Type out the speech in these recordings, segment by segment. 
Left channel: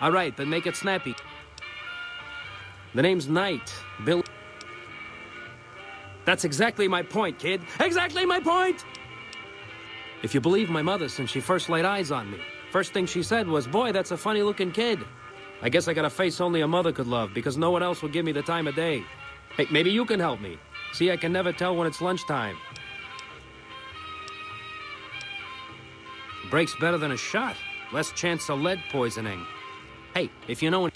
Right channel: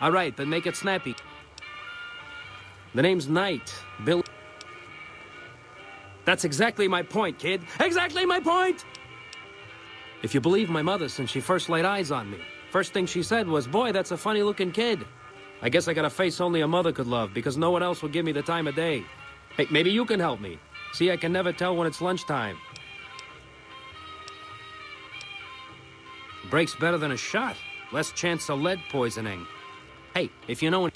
All right, then make it snappy. The name's Knight. Bill. That's exactly my point, kid. Exactly my point! If you believe my mother since she first laid eyes on me, first thing she said was, boy, that's a funny-looking kid. I guess I got a face only a mother could love because no one else will give me the time of day. Hey, maybe you can help me. See, I can never tell when it's lunchtime. Breaks better than a shot. Less chance of lead poisoning. Hey, if you know...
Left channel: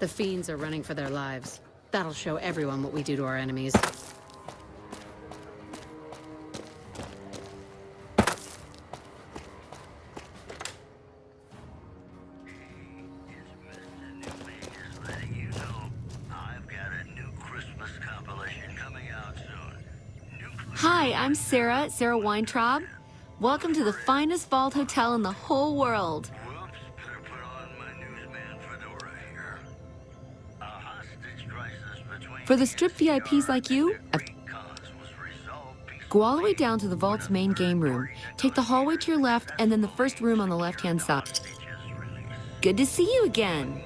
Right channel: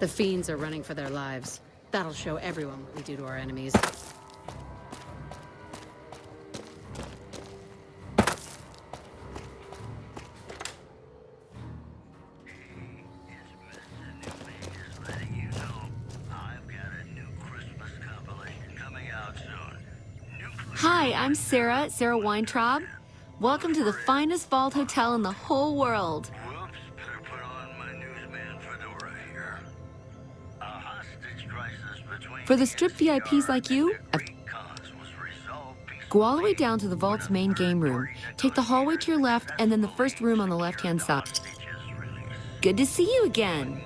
The fiends are running for their lives. That'll show everyone what we do to our enemies. Hi, I'm Sarah Weintraub. Welcome to the finest vault hotel in the whole world. Whoops, better put on my newsman fedora here. A hostage crisis between For the strip VIPs like you, go all the way down to the vault's main game room. Take the hallway to your left and then the first room on the left-hand side. Good to see you again.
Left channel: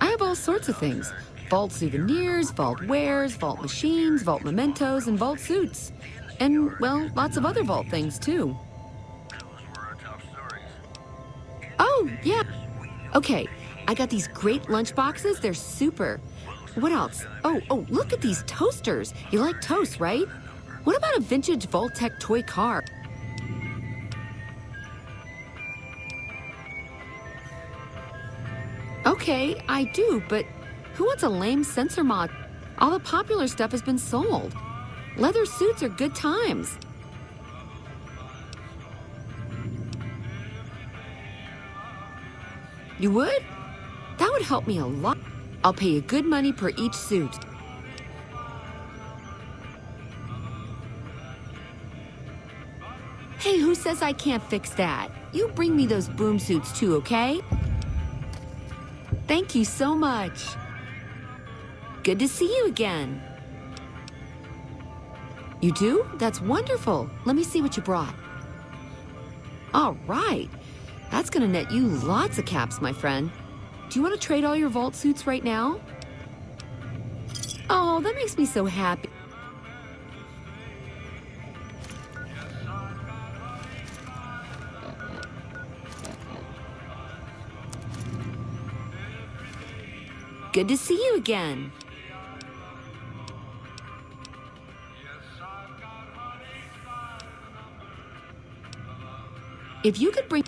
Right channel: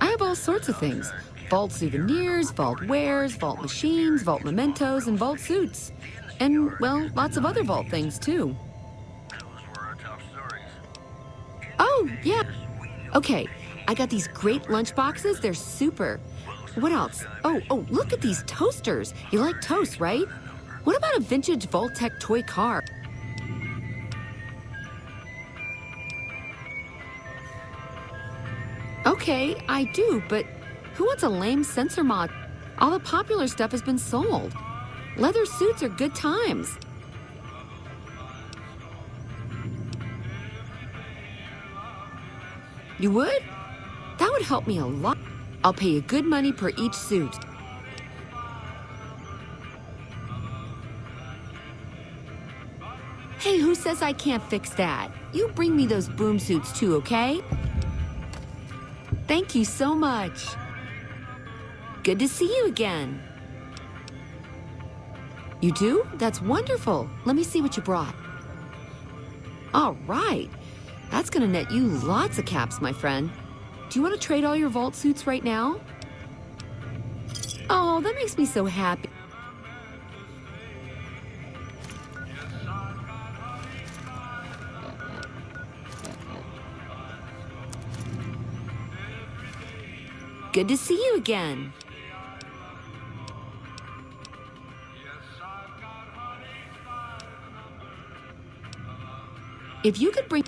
I have all sorts of things. Vault souvenirs, vault wares, vault machines, vault mementos, and vault suits. And, well, lots of other vault things, too. Oh, yeah. Okay, I got these great lunch boxes. They're super. What else? Oh, look at these toasters. You like toast, right? What about a vintage Vault-Tec toy car? Okay, I do, but who wants a lame sensor mod? All the popular stuff has been sold. Leather suits are good times. You would? That would help me a lot. I'll pay you good money per each suit. Hey, who says I can't fix that? You bring me those boom suits too, okay? Thank you so much. Good to see you again. You do? That's wonderful. Let me see what you brought. All right. That's gonna net you lots of caps, my friend. Do you want to trade all your vault suits right now? Oh, that makes me so happy. Good to see you again. If you could bring...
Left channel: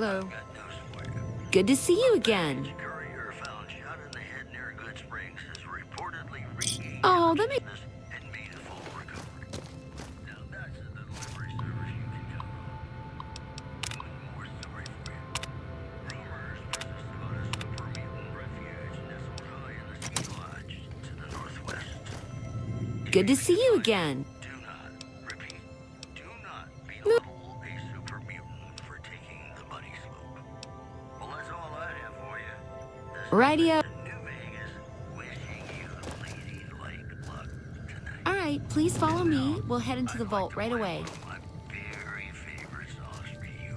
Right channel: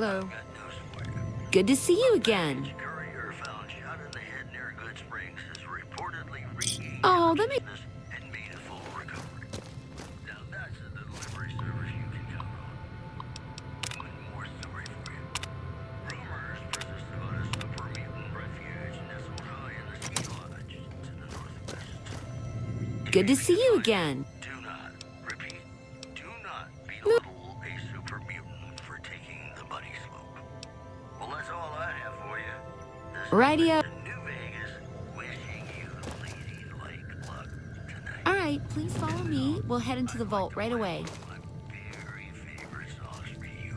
Hello. Got news for you. Good to see you again. Courier found shot in the head near Good Springs is reportedly regained Oh, that makes... consciousness and made a full recovery. Now that's a delivery service you can count on. One more story for you. Rumors persist about a super mutant refuge nestled high in the ski lodge to the northwest. Good to see you again. Do not, repeat, do not belittle a super mutant for taking the bunny slope. Well, that's all I have for you. This is Radio. New Vegas, wishing you lady-like luck tonight. All right, please follow me. We'll head into the vault right away. My very favorite songs for you.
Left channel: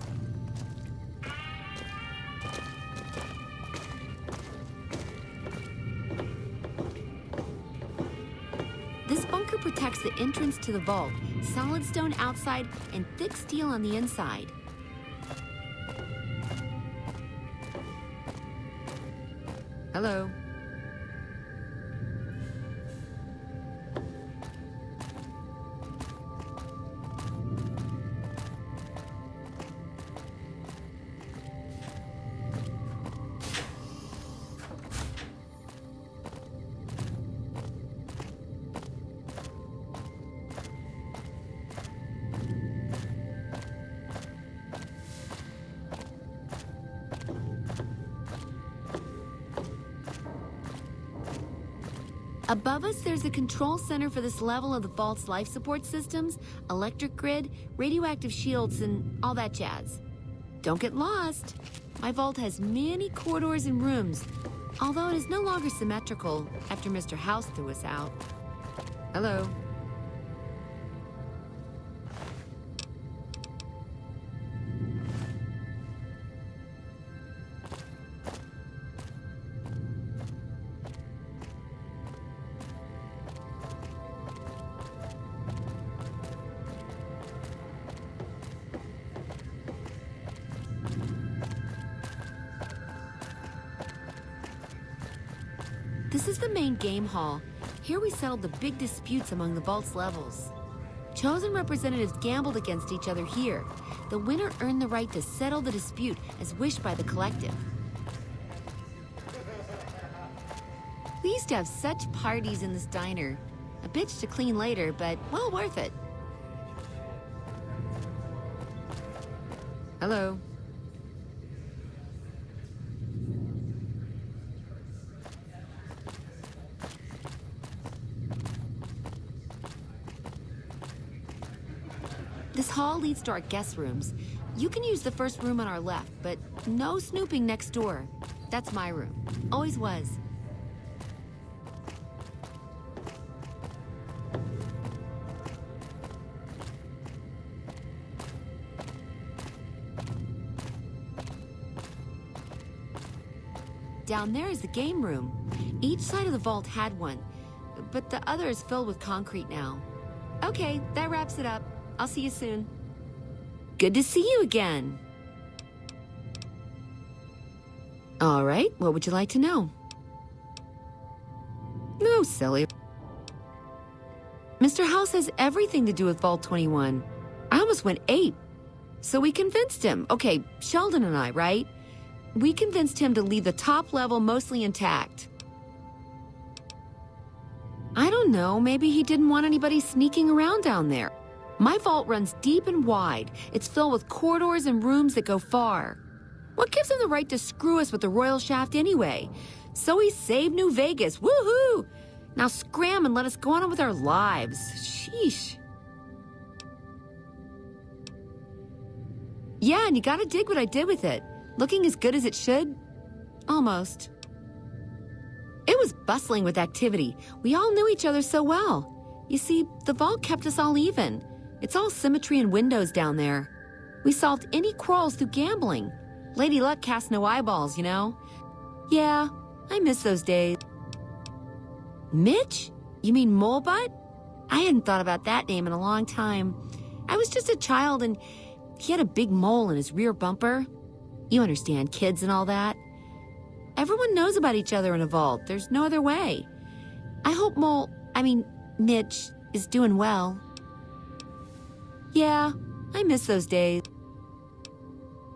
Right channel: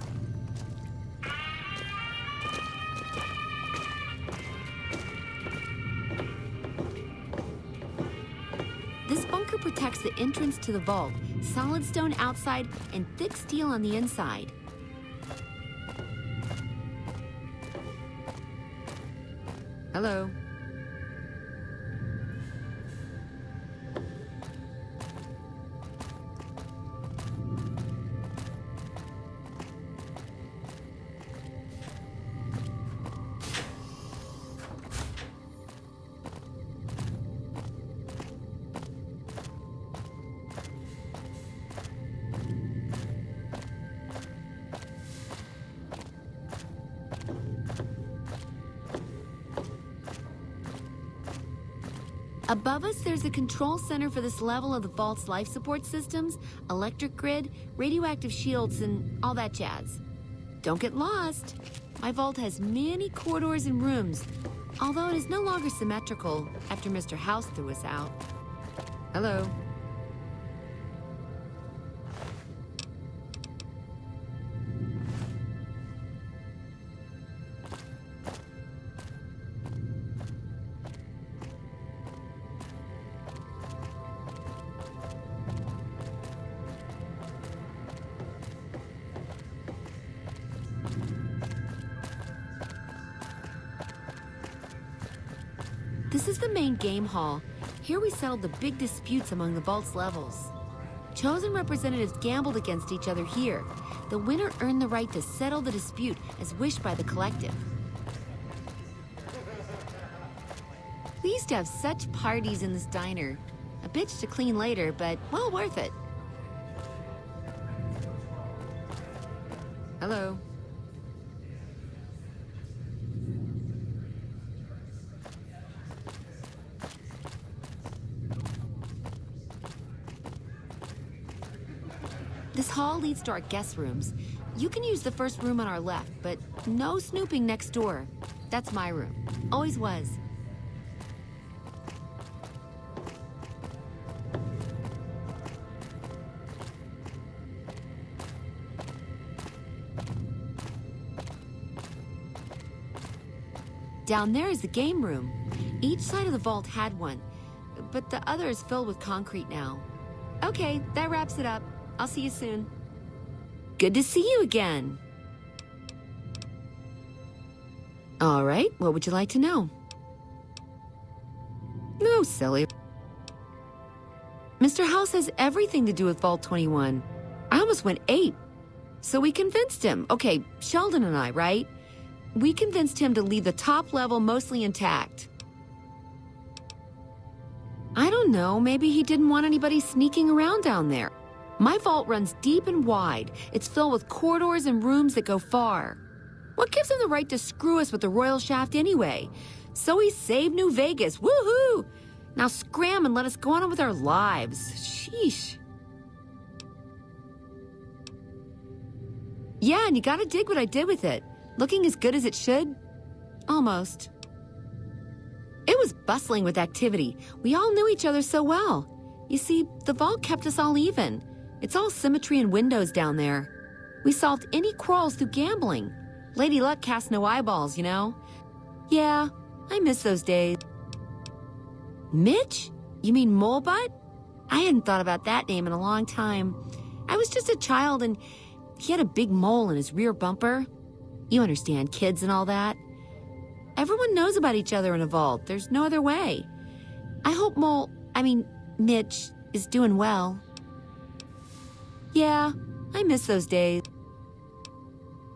This bunker protects the entrance to the vault. Solid stone outside and thick steel on the inside. Hello. Above us, there's a control center for this level of the vault's life support systems, electric grid, radioactive shields, and all that jazz. Don't get lost. My vault has many corridors and rooms, although it is no longer symmetrical after Mr. House threw us out. Hello. This is the main game hall. Here we settled the big disputes among the vault's levels. Chosen representatives gambled against each other here. The winner earned the right to settle the dispute as wished by the collective. We used to have such parties in this diner. A bitch to clean later, but well worth it. Hello. This hall leads to our guest rooms. You can use the first room on our left, but no snooping next door. That's my room. Always was. Down there is the game room. Each side of the vault had one, but the other is filled with concrete now. Okay, that wraps it up. I'll see you soon. Good to see you again. All right, what would you like to know? No, silly. Mr. House has everything to do with Vault 21. I almost went ape. So we convinced him. Okay, Sheldon and I, right? We convinced him to leave the top level mostly intact. I don't know, maybe he didn't want anybody sneaking around down there. My vault runs deep and wide. It's filled with corridors and rooms that go far. What gives him the right to screw us with the royal shaft anyway? So he saved New Vegas. Woohoo! Now scram and let us go on with our lives. Sheesh. Yeah, and you gotta dig what I did with it. Looking as good as it should? Almost. It was bustling with activity. We all knew each other so well. You see, the vault kept us all even. It's all symmetry and windows down there. We solved any quarrels through gambling. Lady Luck cast no eyeballs, you know? Yeah, I miss those days. Mitch? You mean Molebutt? I hadn't thought about that name in a long time. I was just a child and he had a big mole in his rear bumper. You understand, kids and all that. Everyone knows about each other in a vault. There's no other way. I hope Mitch is doing well. Yeah, I miss those days.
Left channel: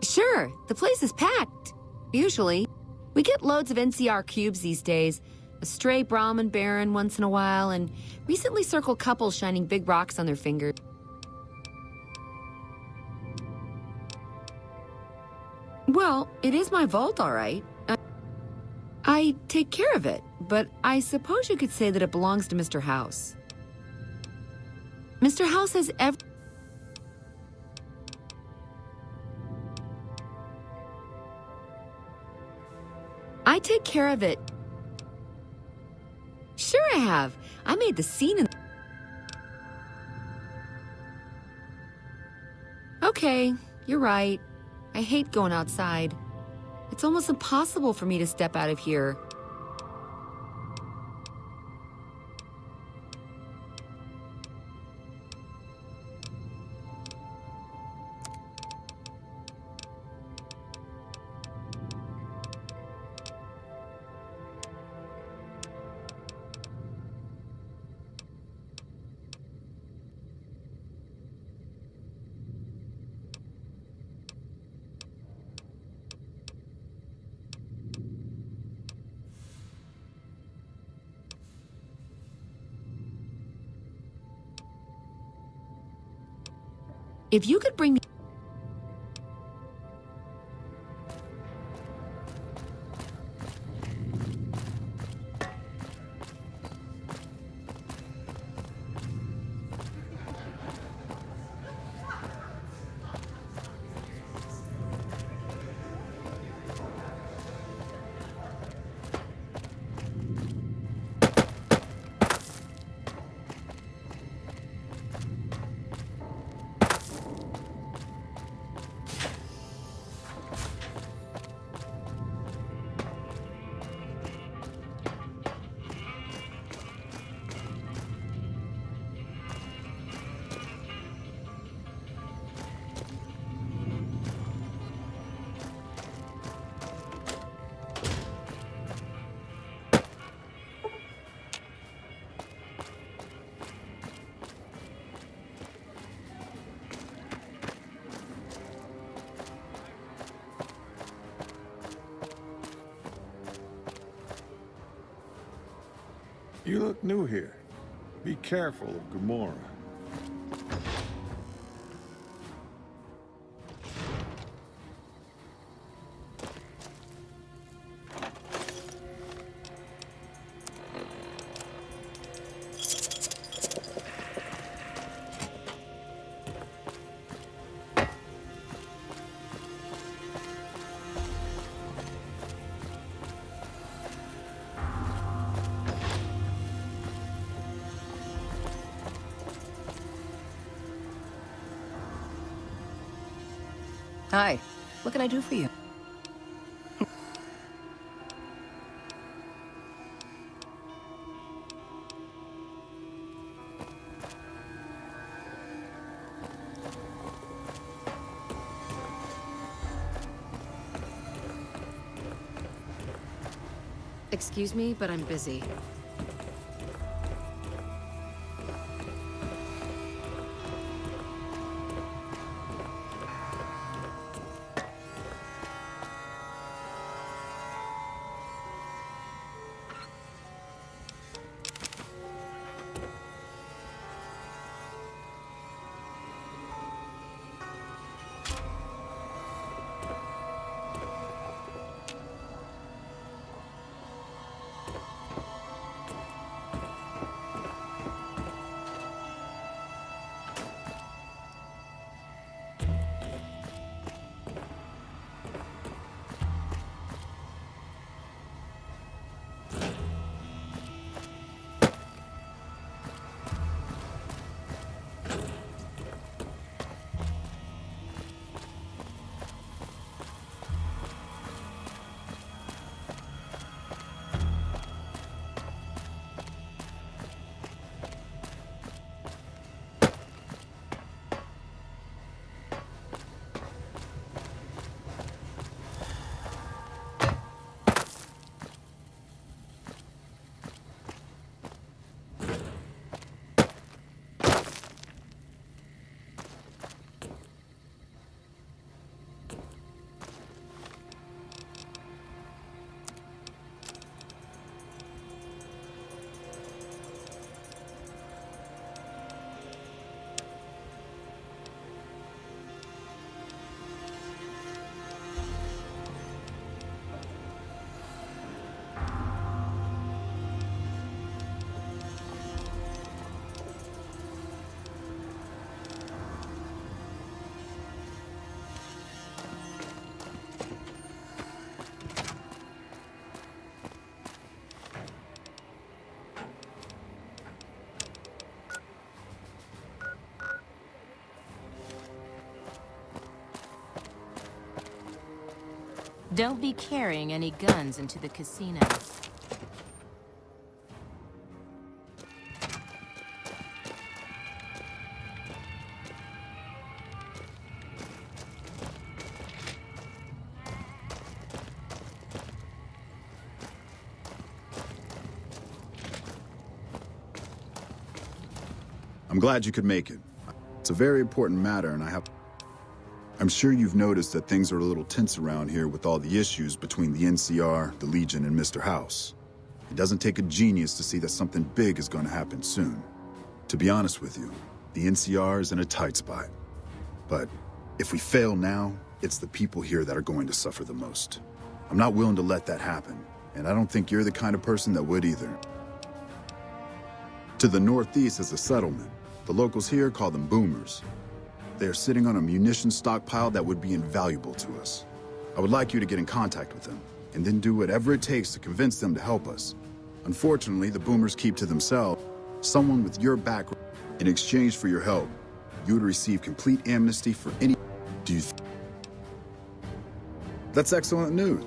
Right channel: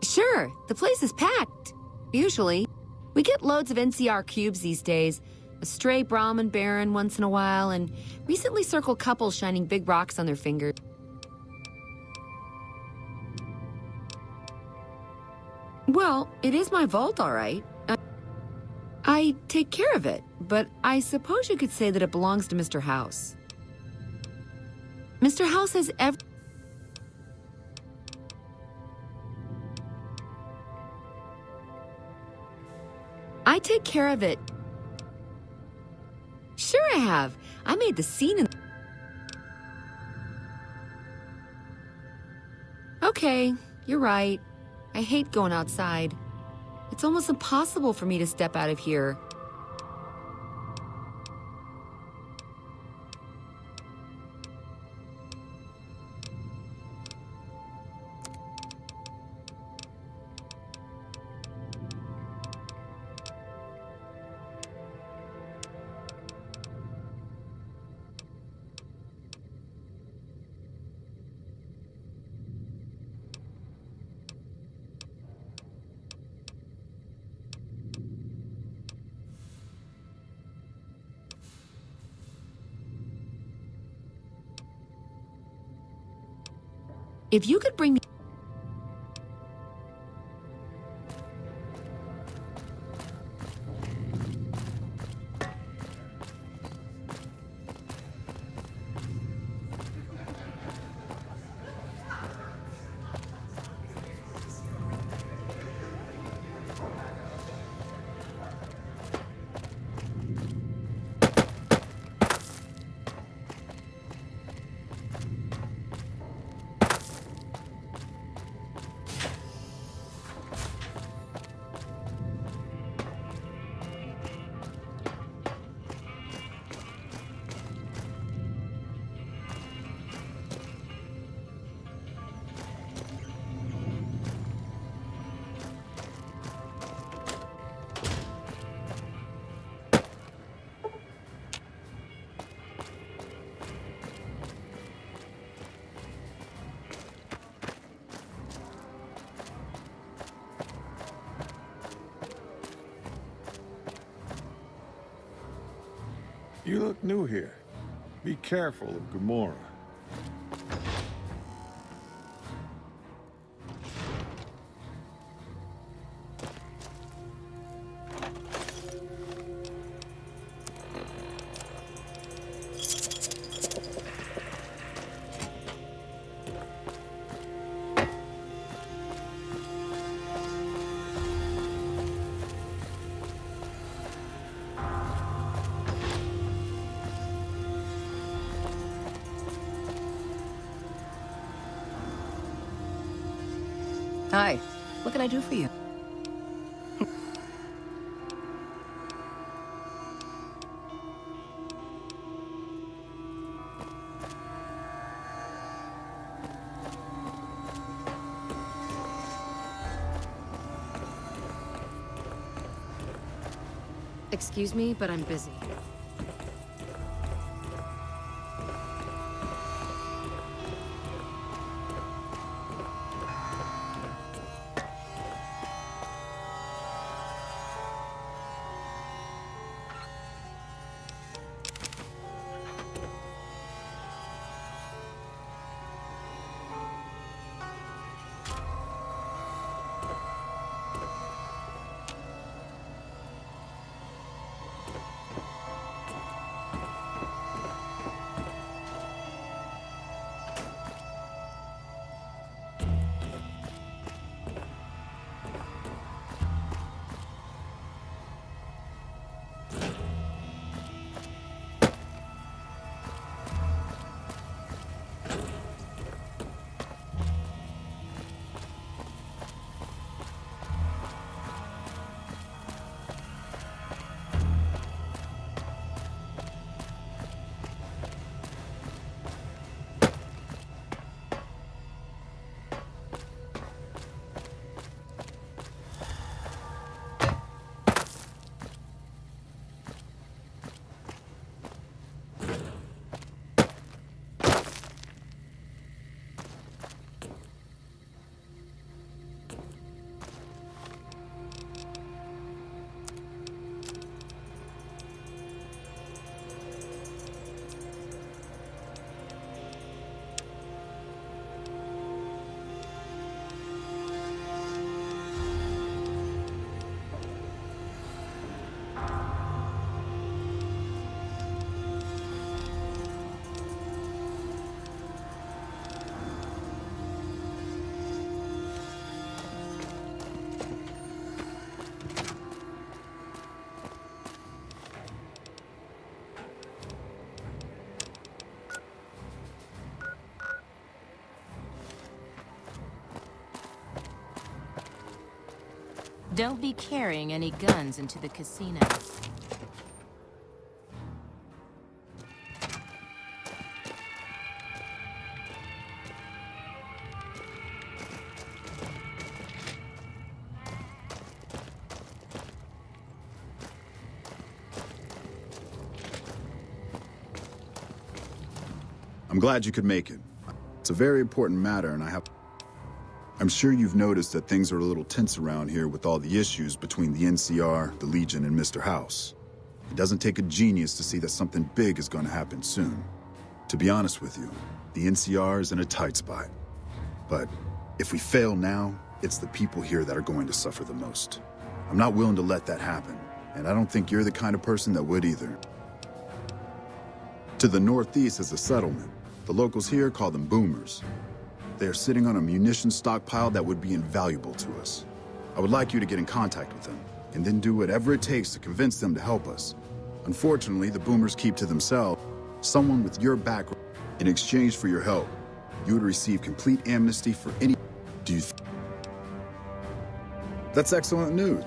Sure Sure, the place is packed. Usually. We get loads of NCR cubes these days. A stray Brahmin Baron once in a while, and recently circled couples shining big rocks on their fingers. Well, it is my vault, all right. I take care of it, but I suppose you could say that it belongs to Mr. House. Mr. House has I take care of it. Sure I have. I made the scene in... Okay, you're right. I hate going outside. It's almost impossible for me to step out of here. If you could bring me... You look new here. Be careful of Gamora. Hi. What can I do for you? Excuse me, but I'm busy. Don't be carrying any guns into the casino. I'm glad you could make it. It's a very important matter, and I'm sure you've noticed that things are a little tense around here with all the issues between the NCR, the Legion, and Mr. House. It doesn't take a genius to see that something big is going to happen soon. To be honest with you, the NCR is in a tight spot. But if we fail now, it's the people here that are going to suffer the most. I'm not willing to let that happen, and I don't think you're the kind of person that would either. To the northeast is a settlement. The locals here call them boomers. They are sitting on a munitions stockpile that would be invaluable to us. I would like you to get in contact with them, and then do whatever it takes to convince them to help us. Unfortunately, the boomers keep to themselves. Someone with your background, in exchange for your help, you would receive complete amnesty for any... Do you That's excellent news.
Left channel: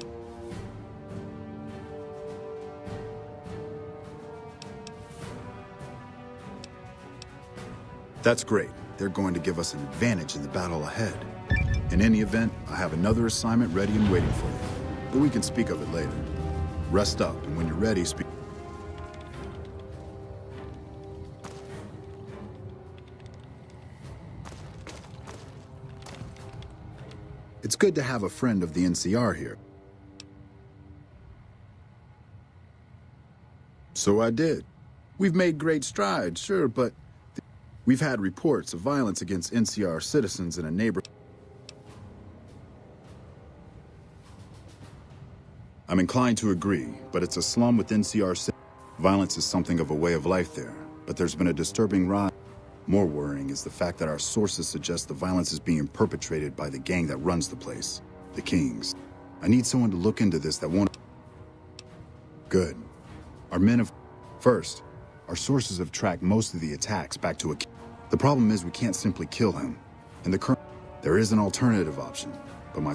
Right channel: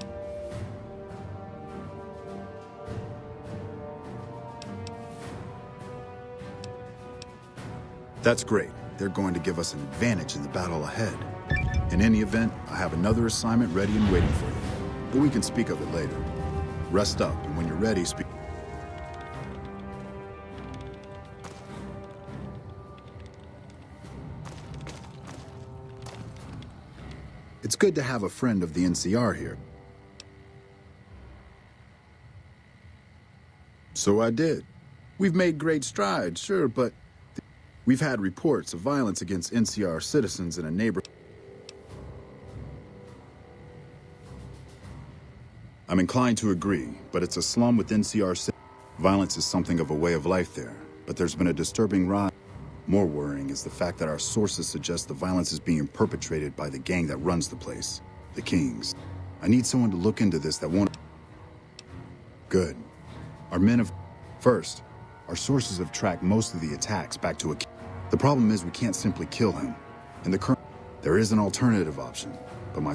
That's great. They're going to give us an advantage in the battle ahead. In any event, I have another assignment ready and waiting for you. But we can speak of it later. Rest up, and when you're ready, speak. It's good to have a friend of the NCR here. So I did. We've made great strides, sure, but we've had reports of violence against NCR citizens in a neighborhood. I'm inclined to agree, but it's a slum with NCR citizens. Violence is something of a way of life there, but there's been a disturbing rise. More worrying is the fact that our sources suggest the violence is being perpetrated by the gang that runs the place, the Kings. I need someone to look into this that won't... Good. Our men have... First, our sources have tracked most of the attacks back to a... The problem is we can't simply kill him. In the current... There is an alternative option, but my...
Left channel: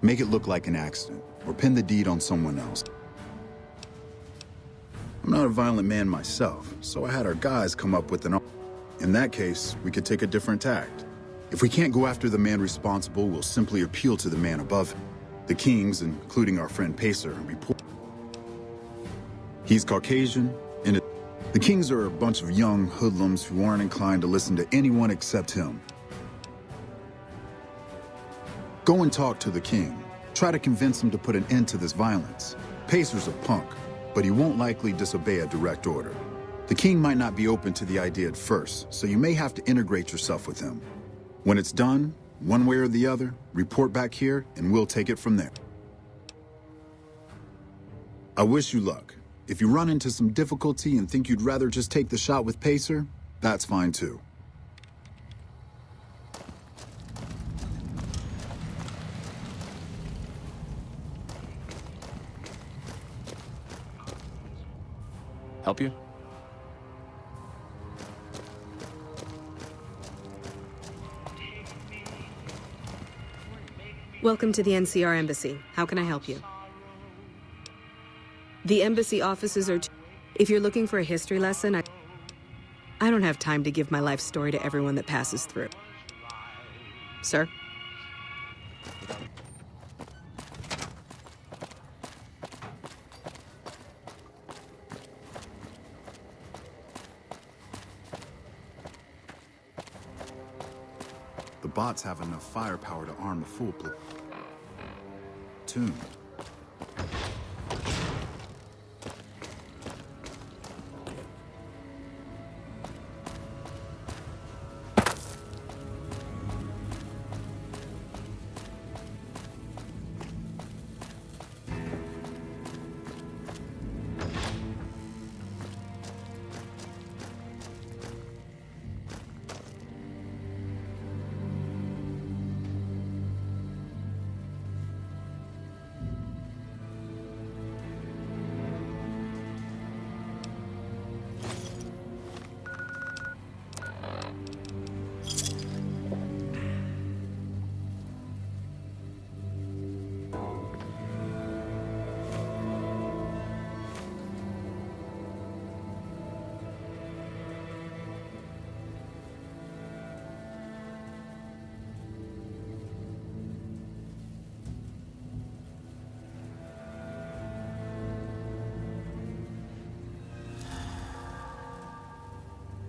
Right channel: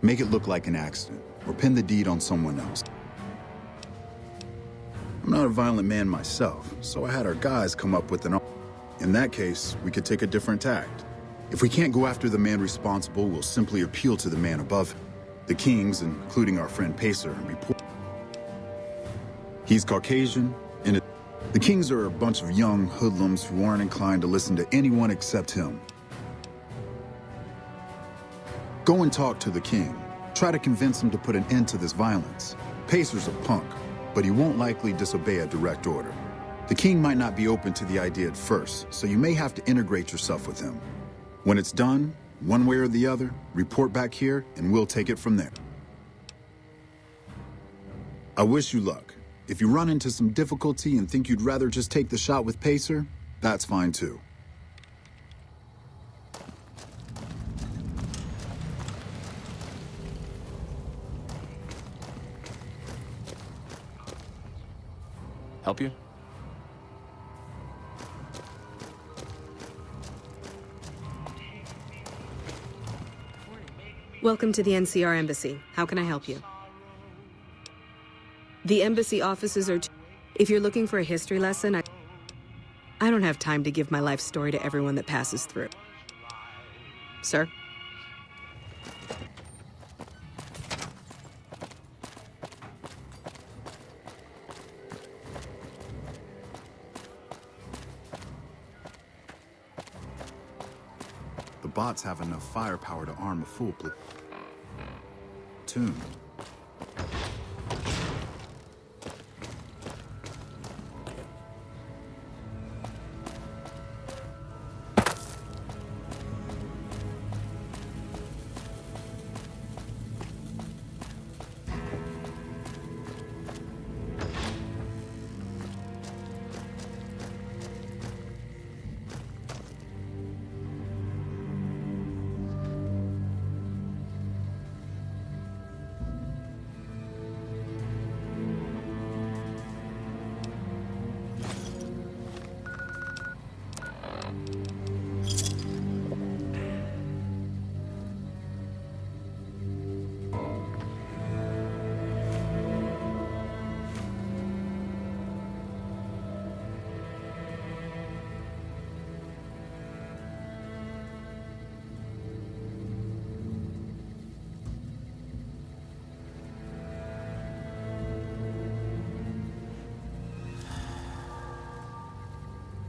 Make it look like an accident, or pin the deed on someone else. I'm not a violent man myself, so I had our guys come up with an... In that case, we could take a different tact. If we can't go after the man responsible, we'll simply appeal to the man above him. The Kings, including our friend Pacer, report... He's Caucasian, and the Kings are a bunch of young hoodlums who aren't inclined to listen to anyone except him. Go and talk to the King. Try to convince him to put an end to this violence. Pacer's a punk, but he won't likely disobey a direct order. The King might not be open to the idea at first, so you may have to integrate yourself with him. When it's done, one way or the other, report back here, and we'll take it from there. I wish you luck. If you run into some difficulty and think you'd rather just take the shot with Pacer, that's fine too. Help you? Welcome to the NCR Embassy. How can I help you? The embassy offices are... If you're looking for a history lesson, I don't have time to give my life story to everyone that passes through. Sir? The bots have enough firepower to arm a full platoon.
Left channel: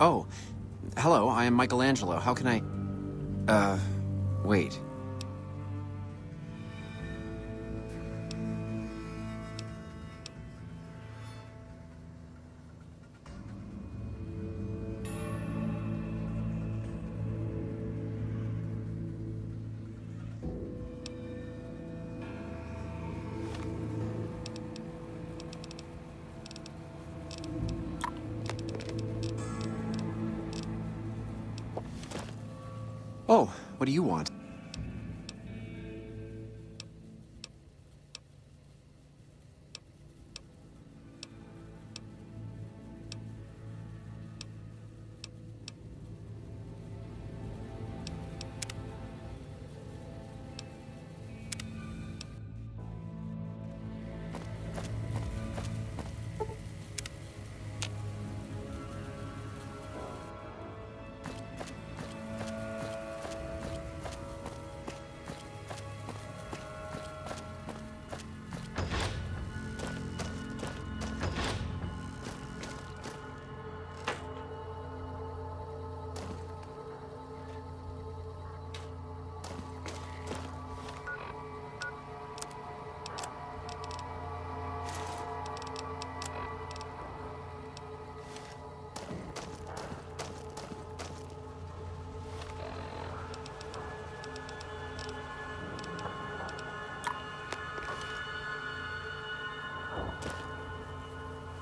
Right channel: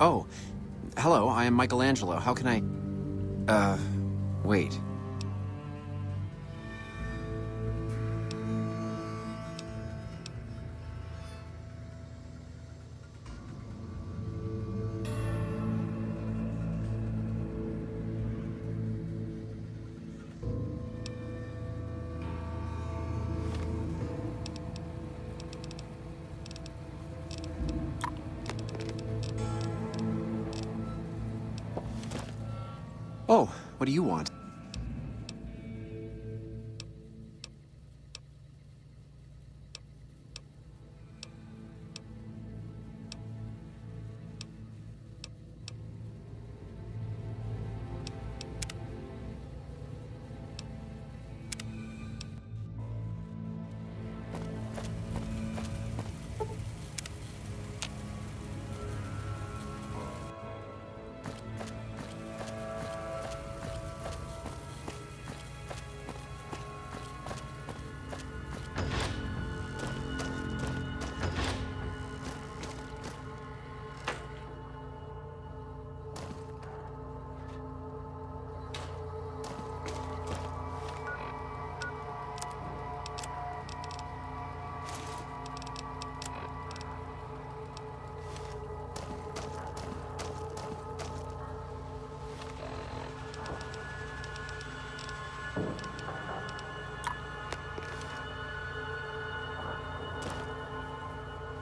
Oh, hello, I am Michelangelo. How can I... wait. Oh, what do you want?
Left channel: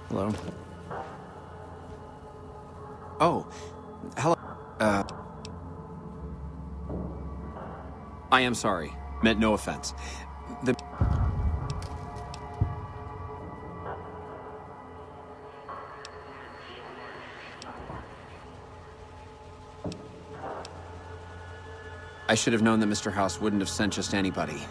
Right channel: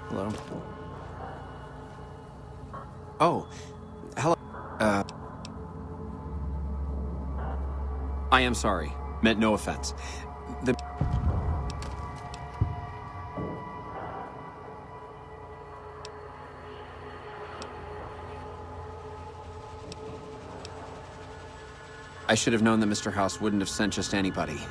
Hello? Oh, hello. I am sorry. Meant no offense. I should have known that Mr. House wouldn't have sent just anybody.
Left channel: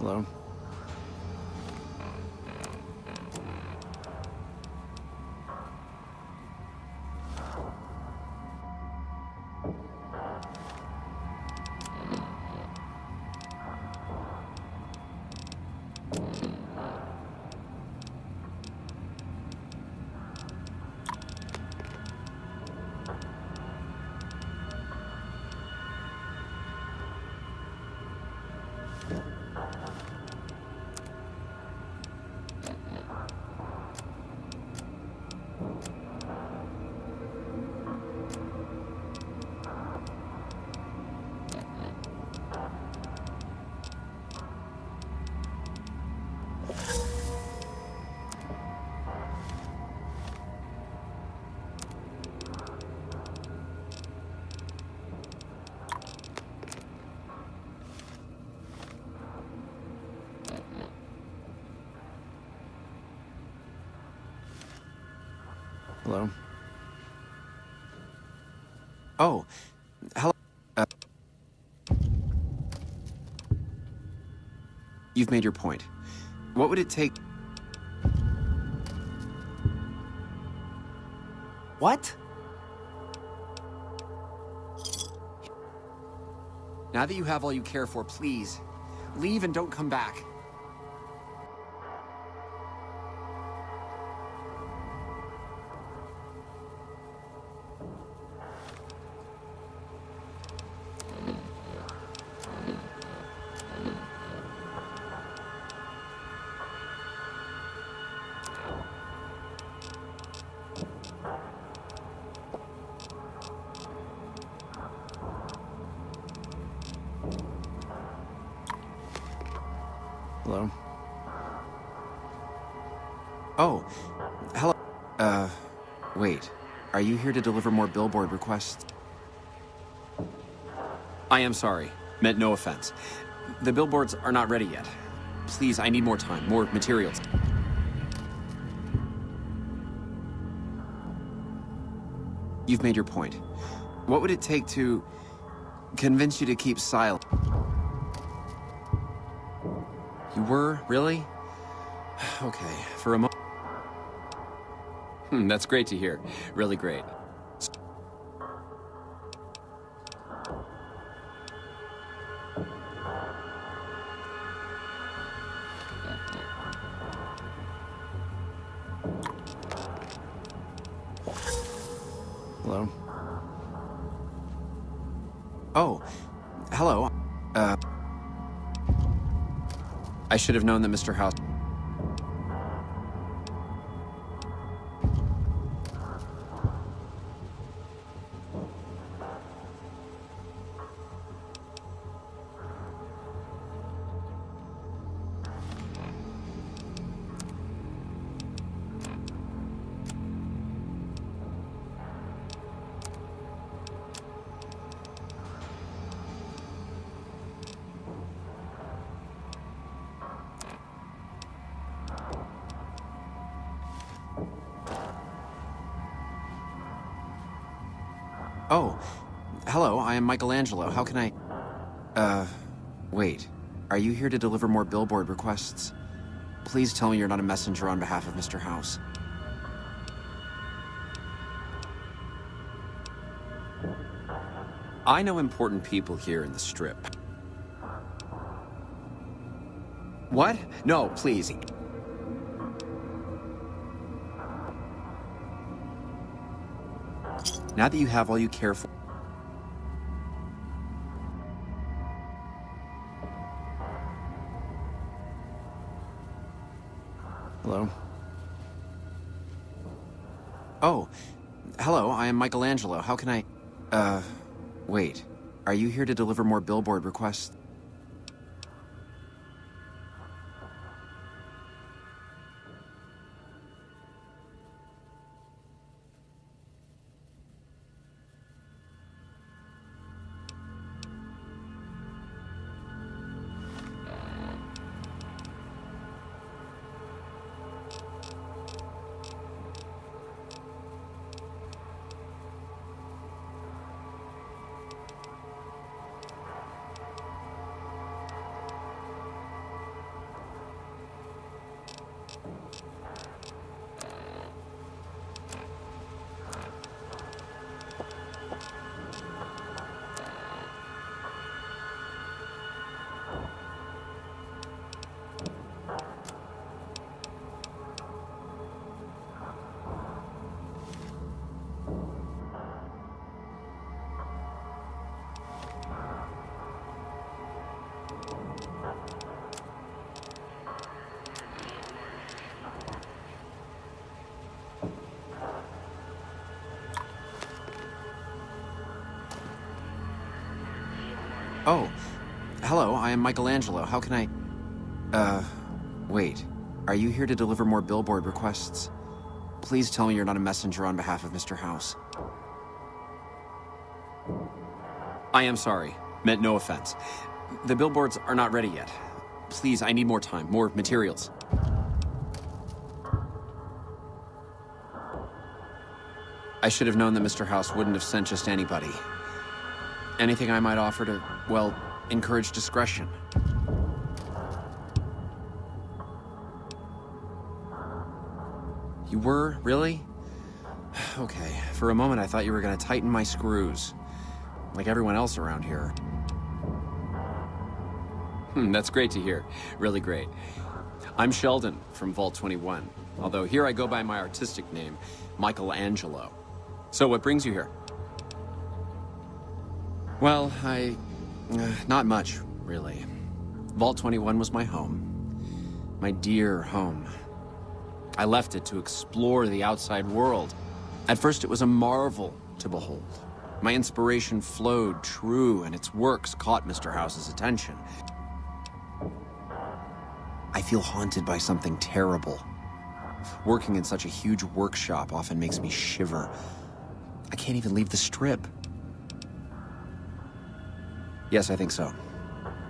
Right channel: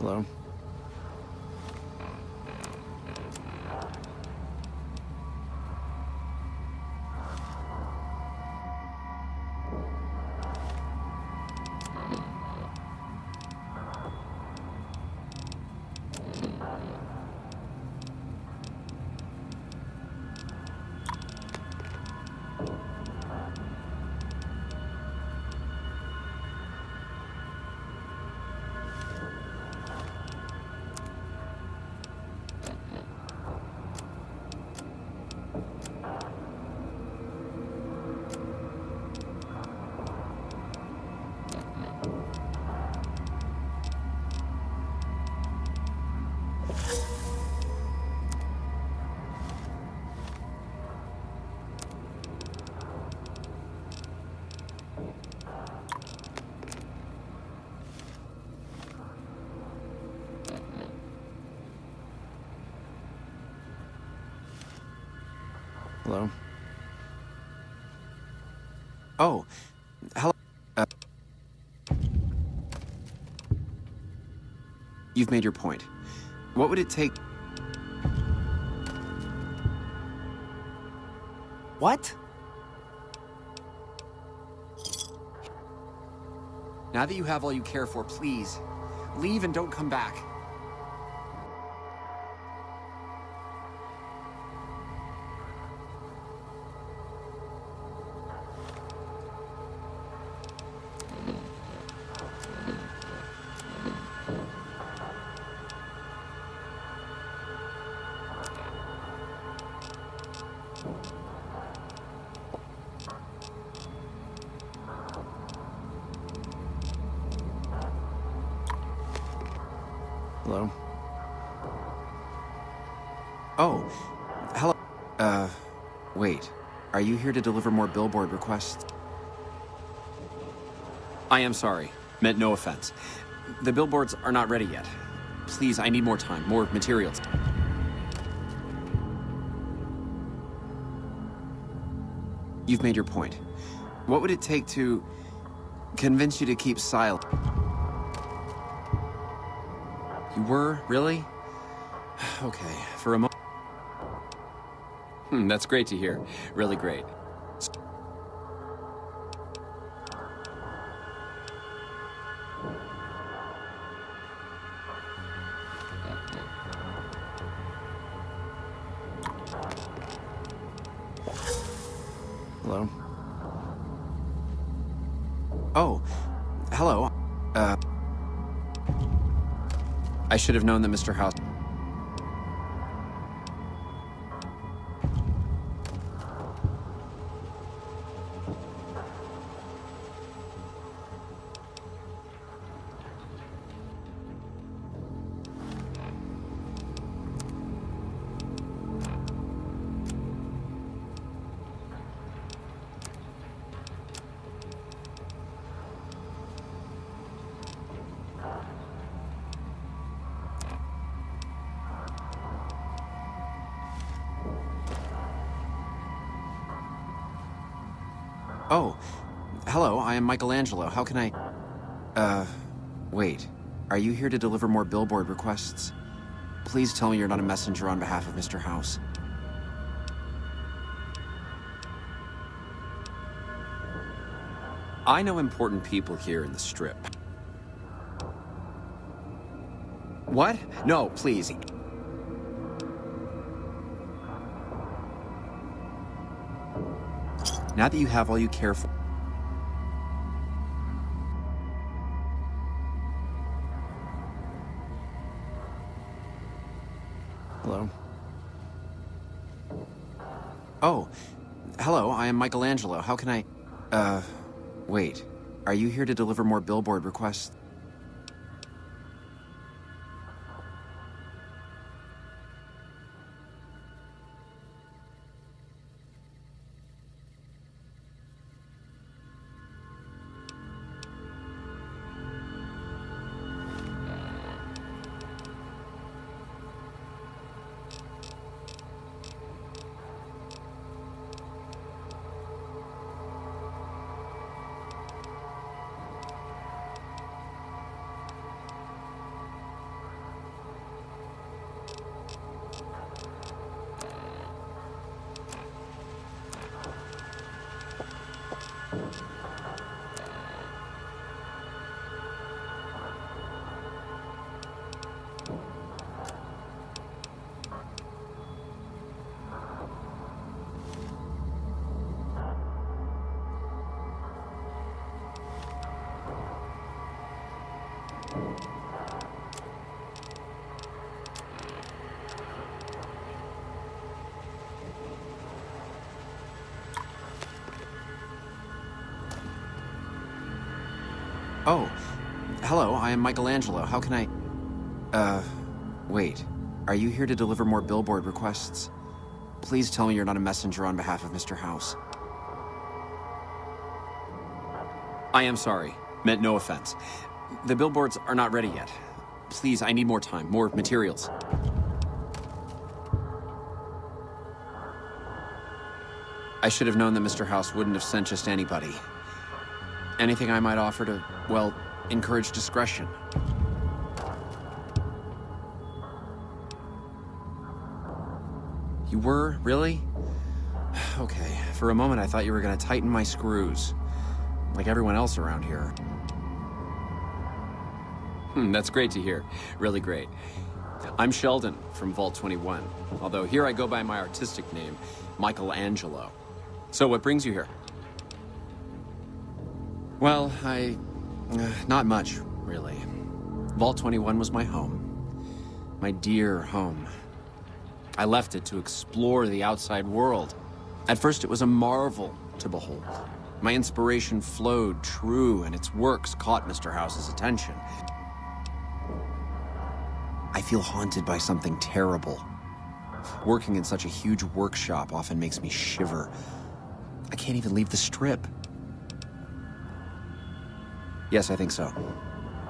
Hello? Hello? Oh, hello. You've made your point. What would it take? What? Now that you have all you care for, please, leave and don't come back. Oh, hello. Wait. Are you here to deliver more billboard requests? I am sorry. Meant no offense. The billboards are not ready yet. Please, I need more time, more materials. You've made your point. What would it take to convince you to keep silent? You were? Really? Okay, for a moment. That's great to hear. Really great. Hello? Oh, hello. I should have known that Mr. House... Oh, hello, I am Michelangelo. How can I... wait. Are you here to deliver more billboard requests? Please tell me you're not a messenger on behalf of Mr. House. I know important people here in the Strip. What? No, please. Now that you have all you care for... Hello? Oh, hello, I am Michelangelo. How can I... wait. Are you here to deliver more billboard requests? Oh, hello, I am Michelangelo. How can I... wait. Are you here to deliver more billboard requests? Please tell me you're not a messenger on behalf of Mr. House. I am sorry. Meant no offense. The billboards are not ready yet. Please, I need more time, more materials. I should have known that Mr. House wouldn't have sent just anybody. Anything I might offer to, well, encourage discretion. You were? Really? Okay. For a moment, I thought you were gonna tighten my screws. Like everyone else around here. That's great to hear. Really great. I'm Sheldon from Vault 21. Although here I go by my artistic name, Michelangelo. So what brings you here? Well, not much, really. Vault 21 was my home. My dear home. I left it to explore the outside world. At first, it was a marvel to behold. My inspiration flowed true, and its works caught Mr. House's attention. I feel haunted by something terrible. Working in such a huge workshop often makes me shiver. I can't even leave the strip. Yes, I think so.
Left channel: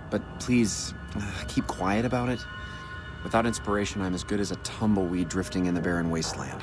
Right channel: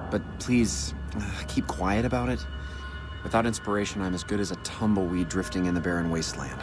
But please, keep quiet about it. Without inspiration, I'm as good as a tumbleweed drifting in the barren wasteland.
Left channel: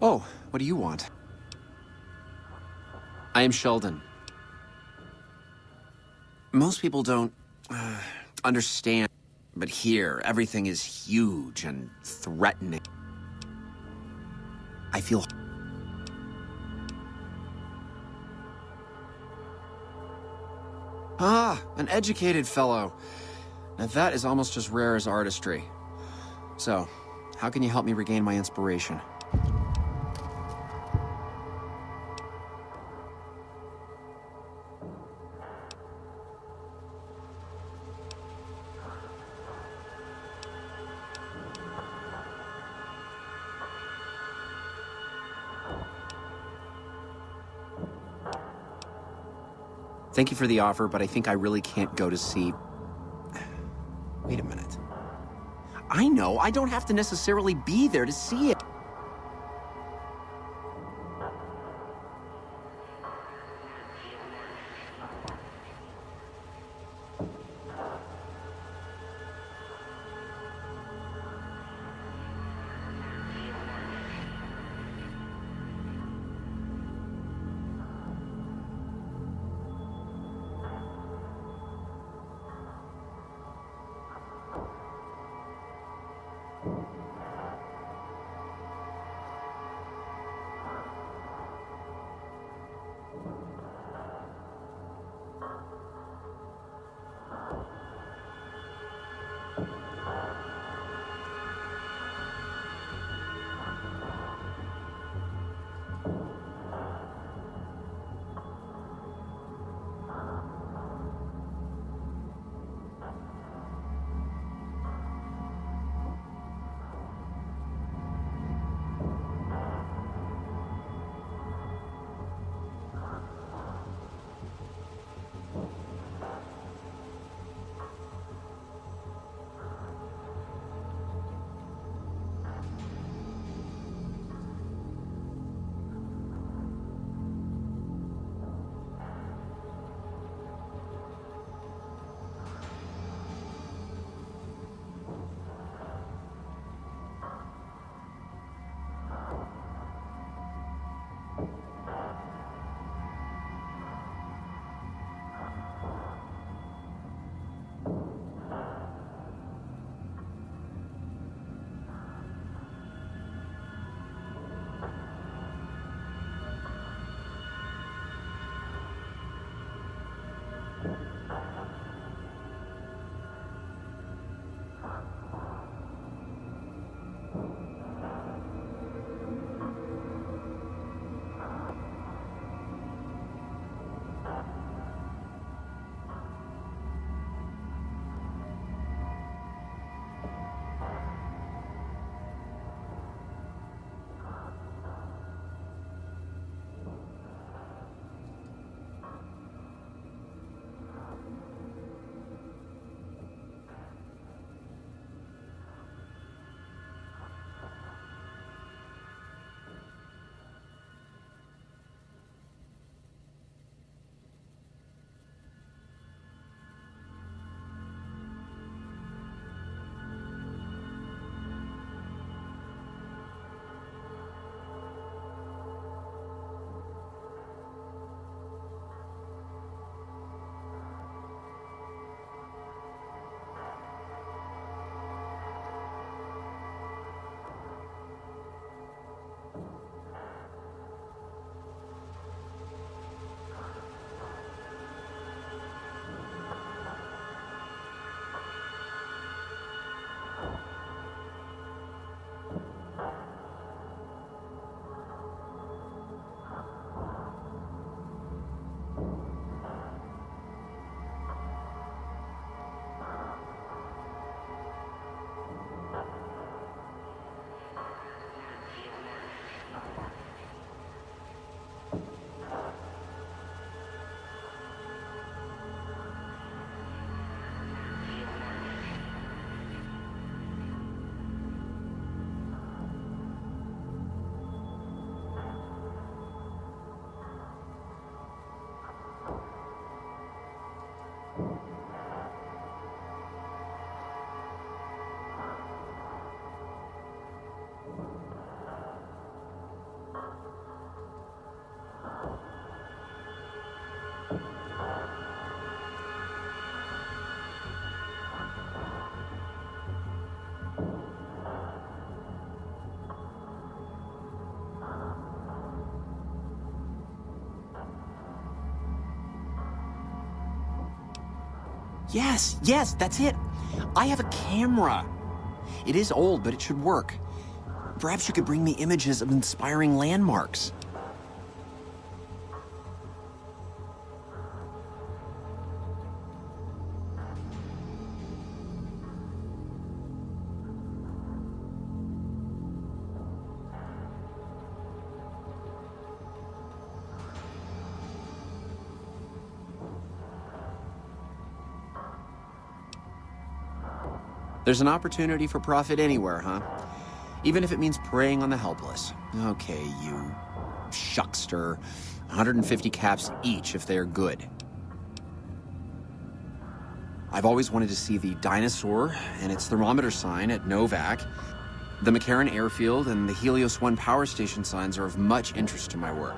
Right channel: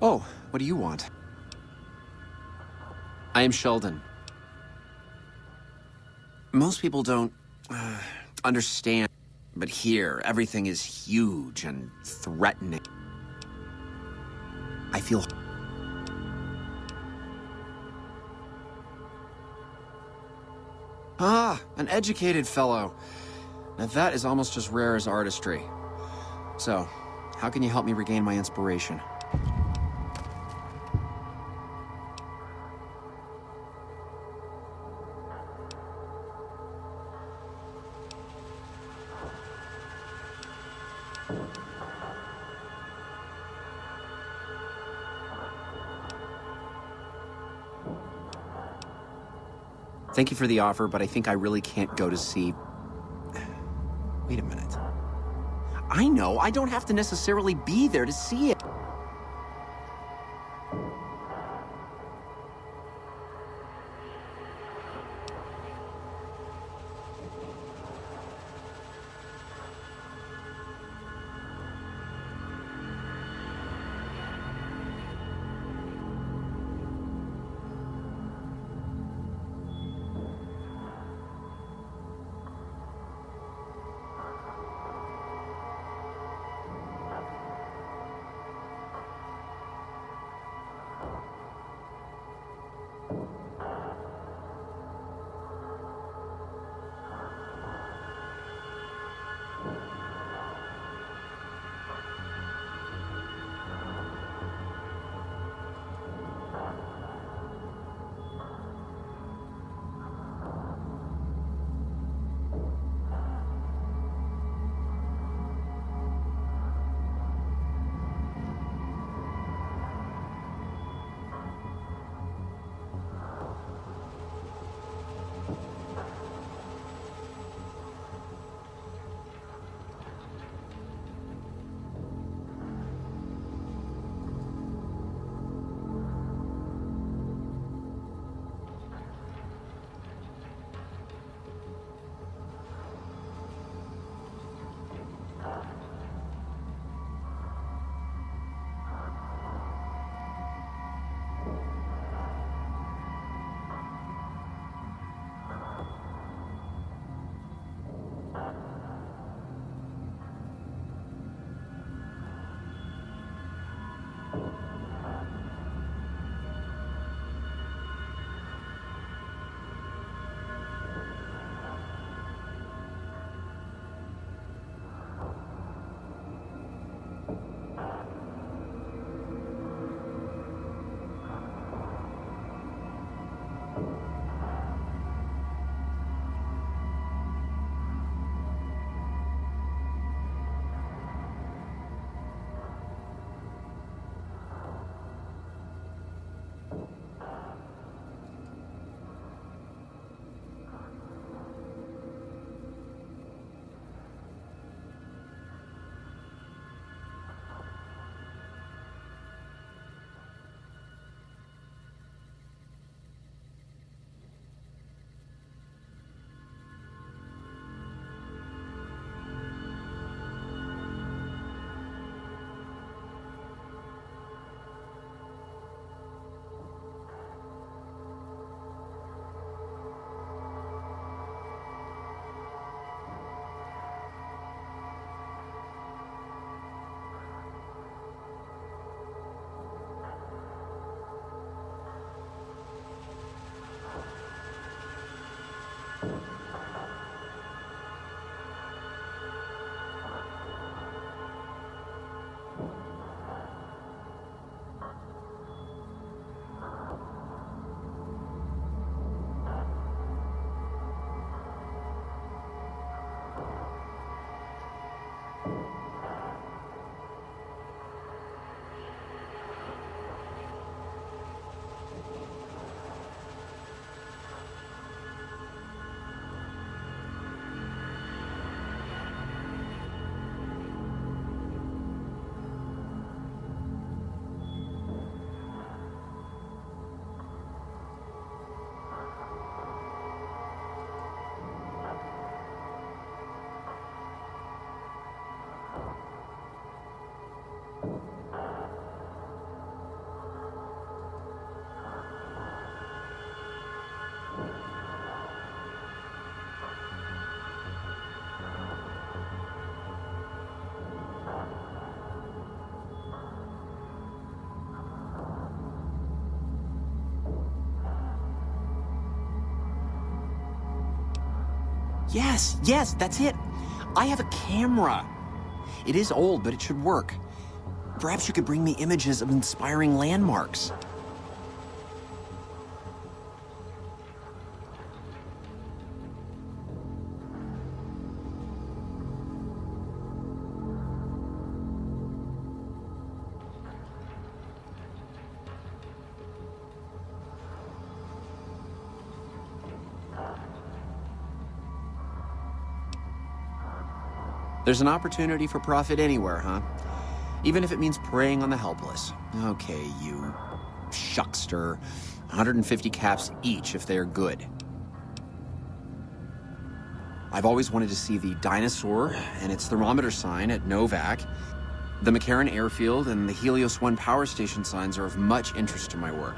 Oh, what do you want? I am Sheldon. Most people don't understand, but here, everything is huge and threatening. I feel... Ah, an educated fellow. Now that is almost as rare as artistry. So, how can you help me regain my inspiration? Thank you for the offer, but I think I really can't go to see... Wait a minute. I know, I don't have to necessarily be there to see it. Yes, that's it. I have a camera. It is old, but it should work. Perhaps you could bring me images of inspiring landmarks. There's an opportunity for profit anywhere, huh? Even if it means preying on the helpless. Okay, you shuckster. 150 caps each if they're good. I've always wanted to see the dinosaur and its thermometer sign at Novak. The McCarran airfield and the Helios 1 power station signs are of much interest to my work.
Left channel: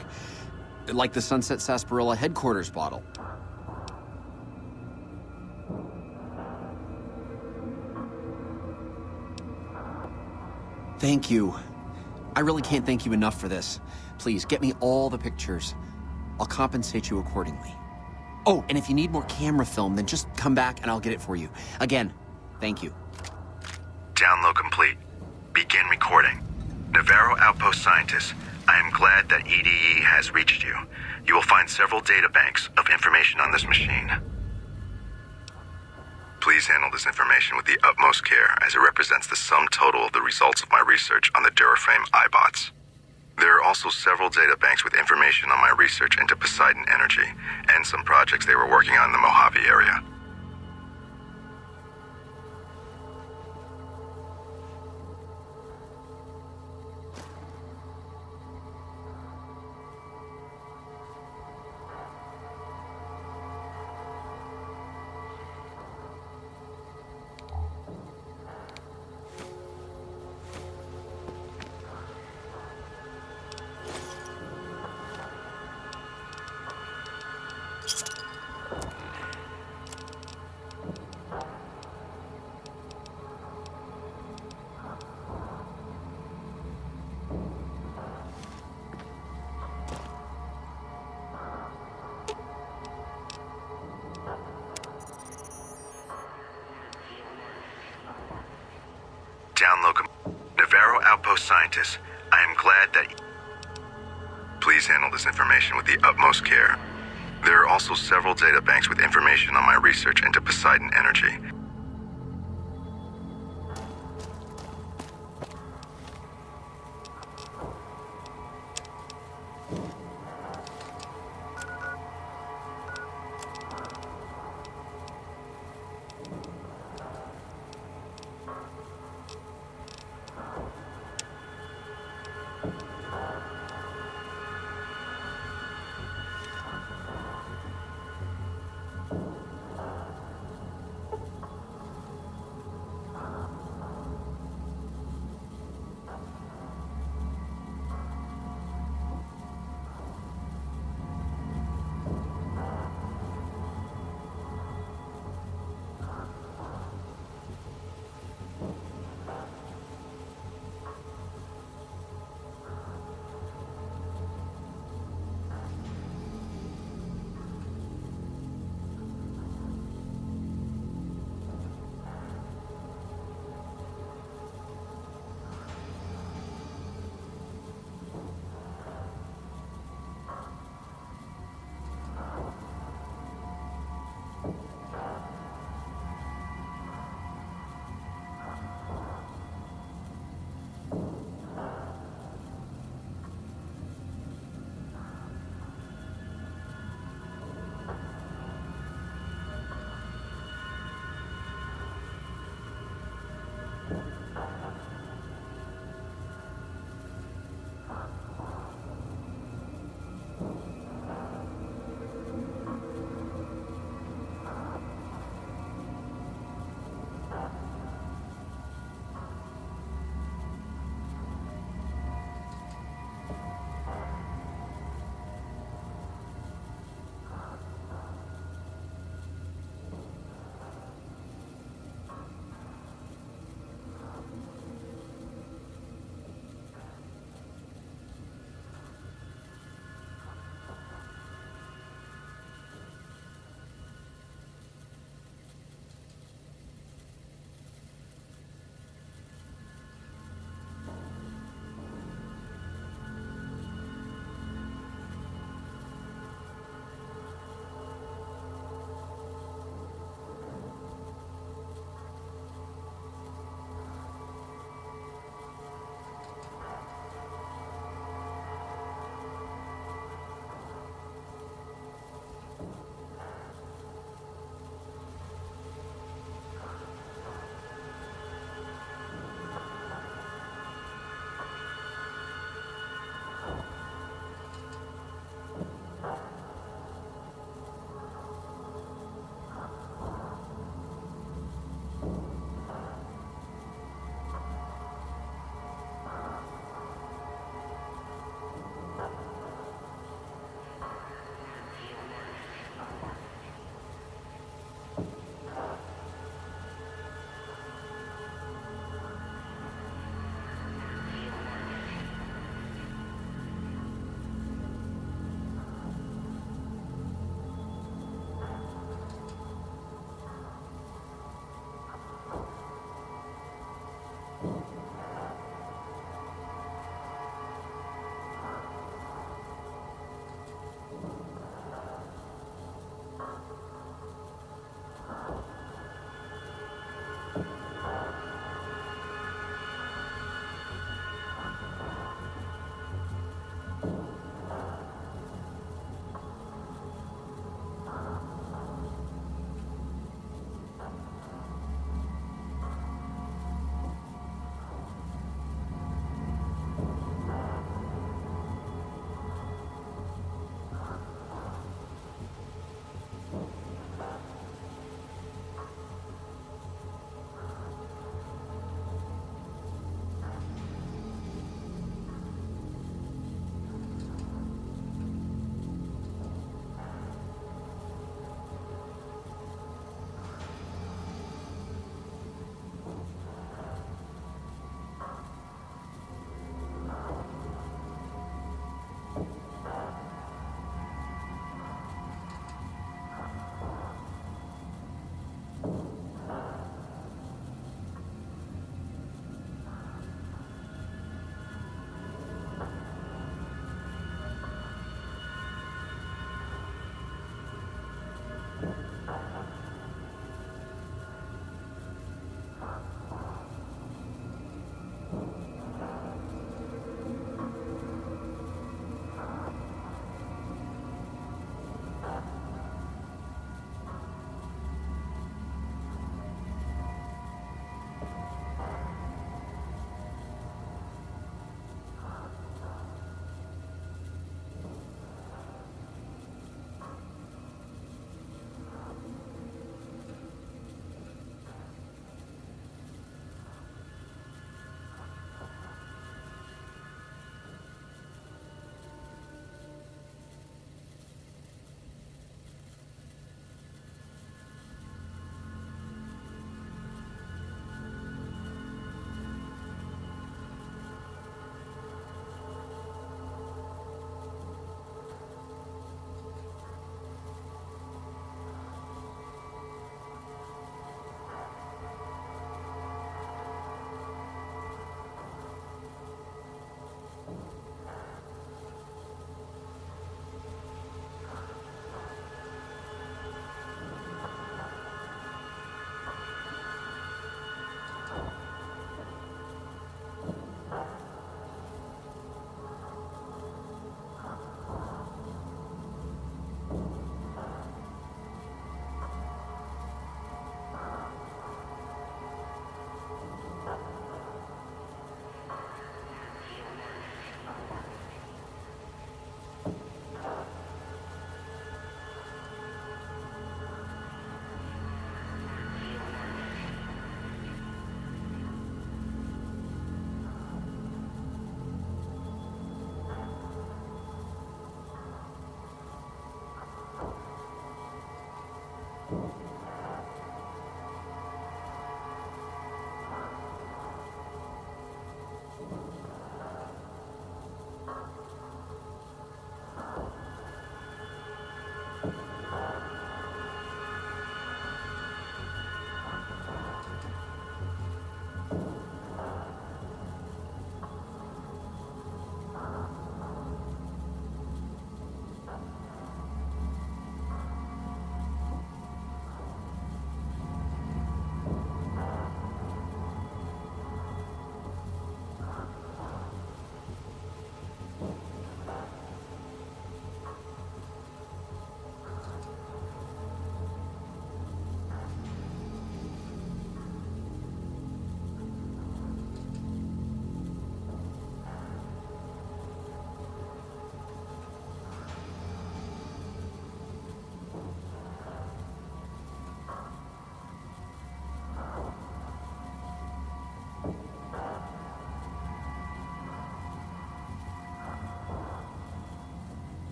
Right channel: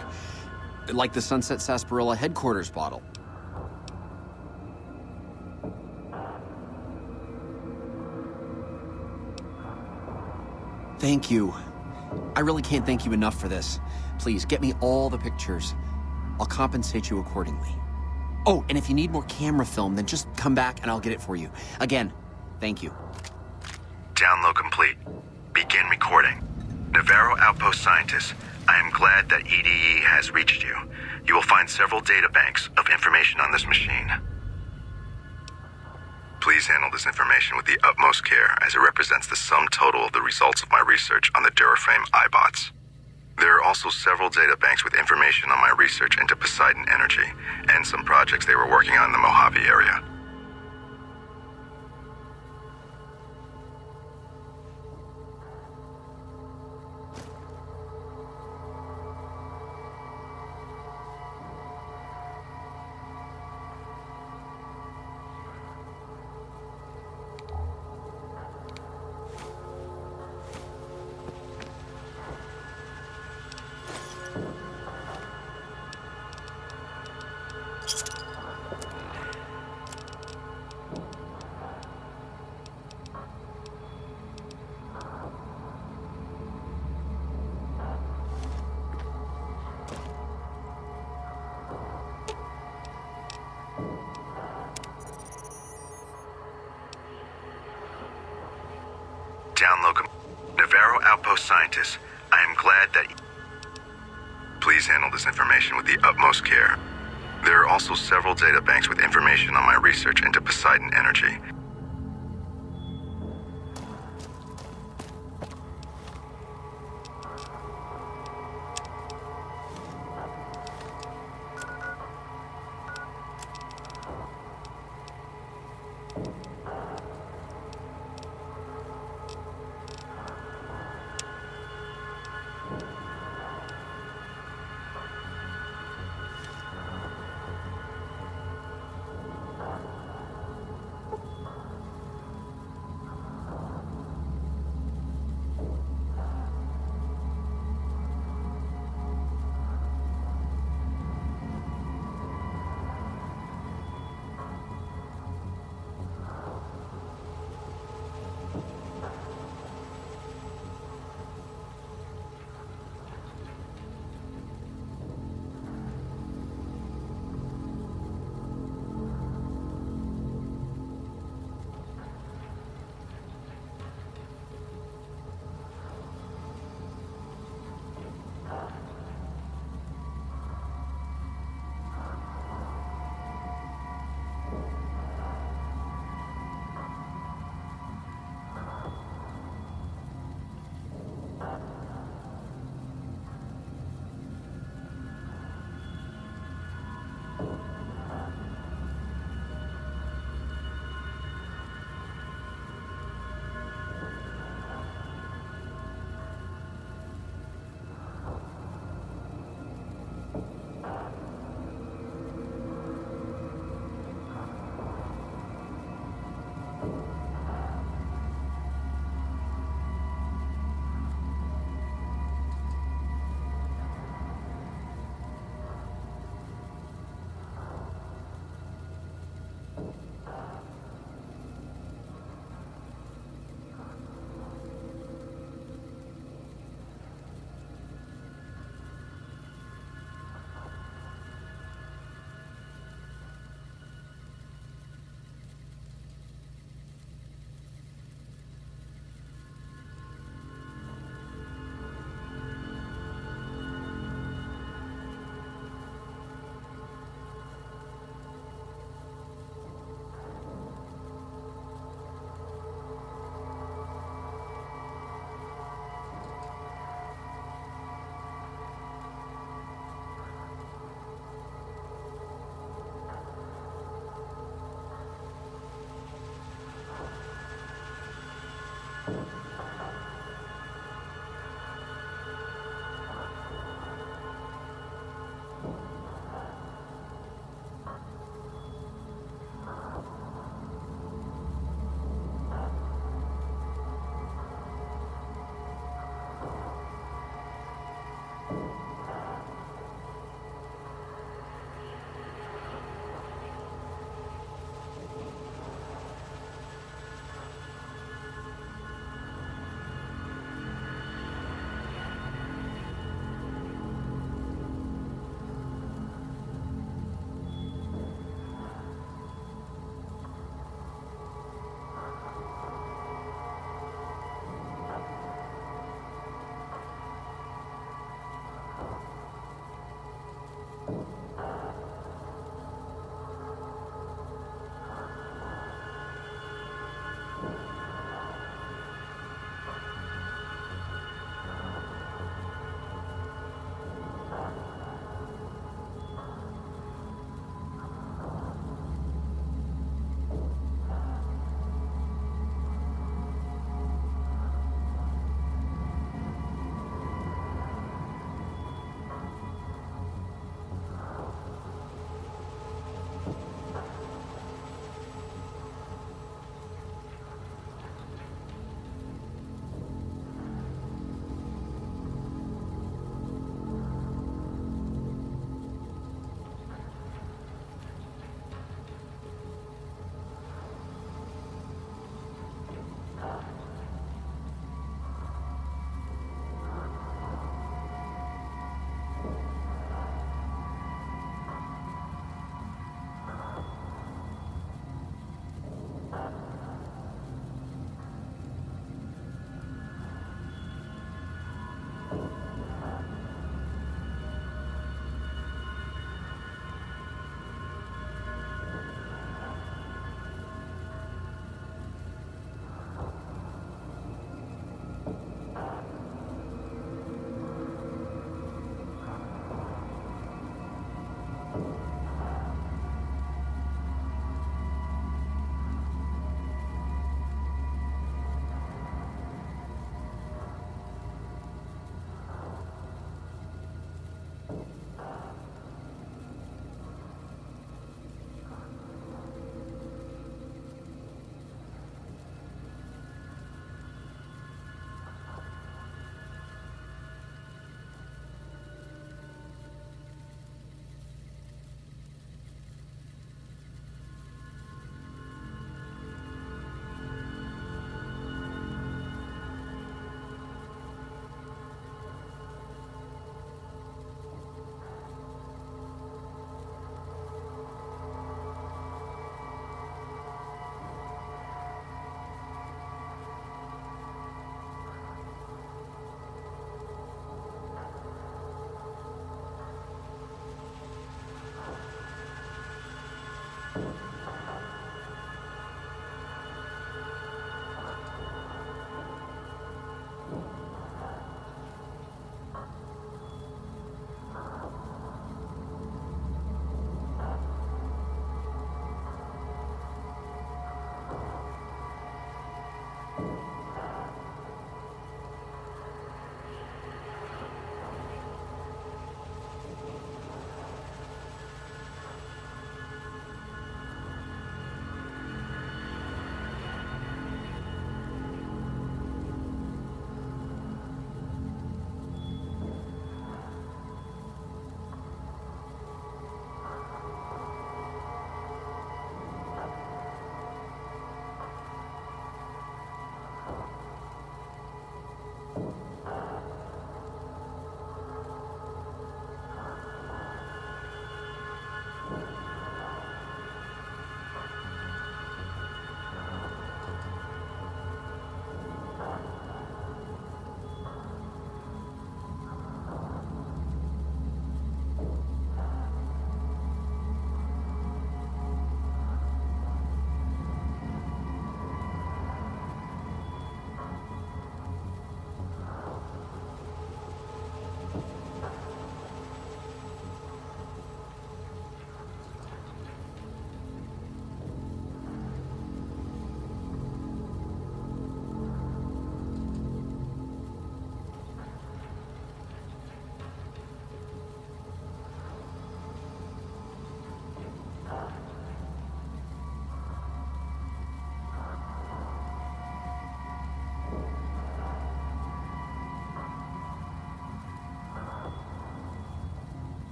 Like the Sunset Sarsaparilla headquarters bottle. Thank you. I really can't thank you enough for this. Please, get me all the pictures. I'll compensate you accordingly. Oh, and if you need more camera film, then just come back and I'll get it for you. Again, thank you. Download complete. Begin recording. Navarro Outpost Scientist, I am glad that EDE has reached you. You will find several databanks of information on this machine. Please handle this information with the utmost care, as it represents the sum total of the results of my research on the Duraframe iBots. There are also several databanks with information on my research into Poseidon Energy, and some projects they were working on in the Mojave area. Navarro Outpost Scientist, I am glad that... Please handle this information with the utmost care. There are also several databanks with information on my research into Poseidon Energy,